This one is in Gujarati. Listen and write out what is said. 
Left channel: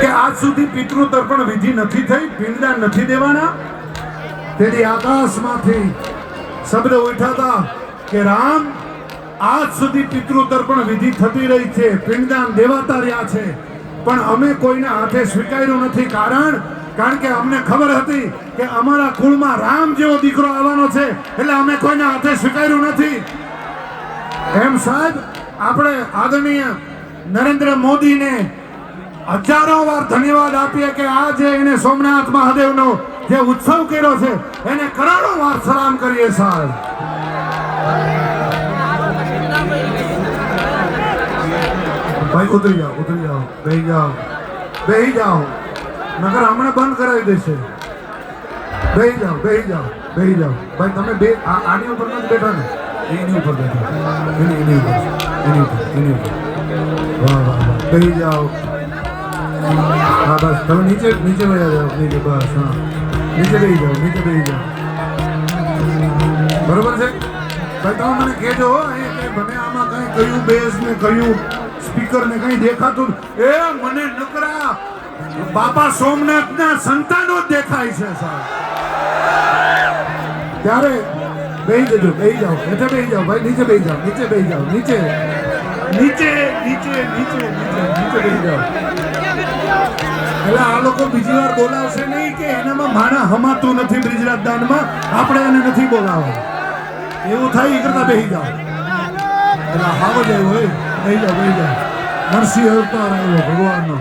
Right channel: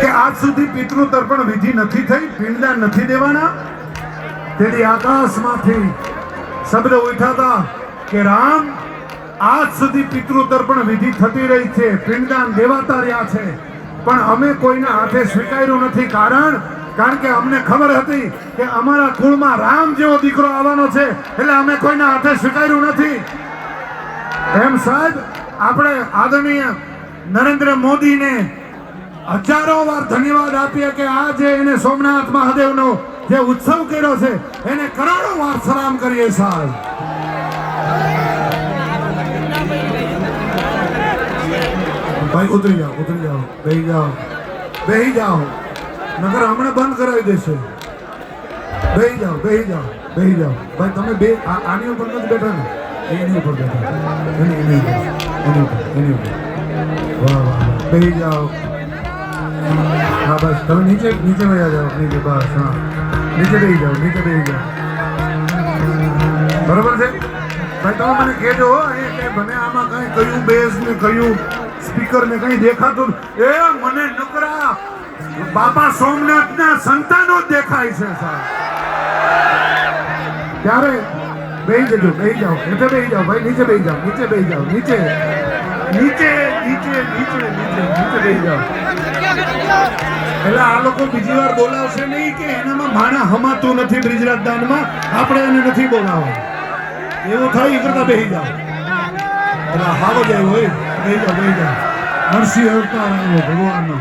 કે આજ સુધી પિતૃ તર્પણ વિધિ નથી થઈ, પિંડદાન નથી દેવાના. તેથી આકાશમાંથી શબ્દ ઉઠાતા કે રામ, આજ સુધી પિતૃ તર્પણ વિધિ થતી રહી છે, પિંડદાન દેવાતા રહ્યા છે, પણ અમે કોઈના હાથે સ્વીકાર્યું નથી. કારણ કે અમને ખબર હતી કે અમારા કુળમાં રામ જેવો દીકરો આવવાનો છે, એટલે અમે કોઈના હાથે સ્વીકાર્યું નથી. એમ સાહેબ, આપણે આદરણીય નરેન્દ્ર મોદીને હજારો વાર ધન્યવાદ આપીએ કે આ જે એને સોમનાથ મહાદેવનો જે ઉત્સવ કર્યો છે એને કરોડો વાર સલામ કરીએ સાહેબ. ભાઈ ઉતરી જાઓ, બેહી જાઓ, નકર હમણાં બંધ કરાવી દેશે. બેહી જાઓ. ભાઈ તમે બે આની ઉપર નથી બેઠા ને, એની ઉપર બેઠા, એની ઉપર. વાહ, બેહી જાઓ. હા બસ, તમે નીચે વયા જાઓ, નીચે. બસ, હા, નીચે બેહી જાઓ. બરોબર છે ભાઈ? તમે મને કહેજો મને આમાં કઈ કયું બેઝ ને કયું સ્પીકર ને કઈ દેખાતું એ મને નકરા બાપા સોમનાથના સંતાનો જ દેખાય છે સાહેબ. ત્યારે બેહી જાઓ, એટલે બેહી જાઓ ભાઈ, નીચે બેહી જાઓ, નીચે બેહી જાઓ. એટલે આ લોકો બીજી વાર બોલાવશે નહીં કે એનામાં માણા હમાતું નથી બ્રિજરાજ દાનમાં, આપણે એને નથી બોલાવવા. એવું થાય એ કરતા બેહી જાઓ. એટલે હાવ જ એવું હોય, બેહી જાઓ. નરસિંહ અવતાર આવ્યો ભગવાનનો.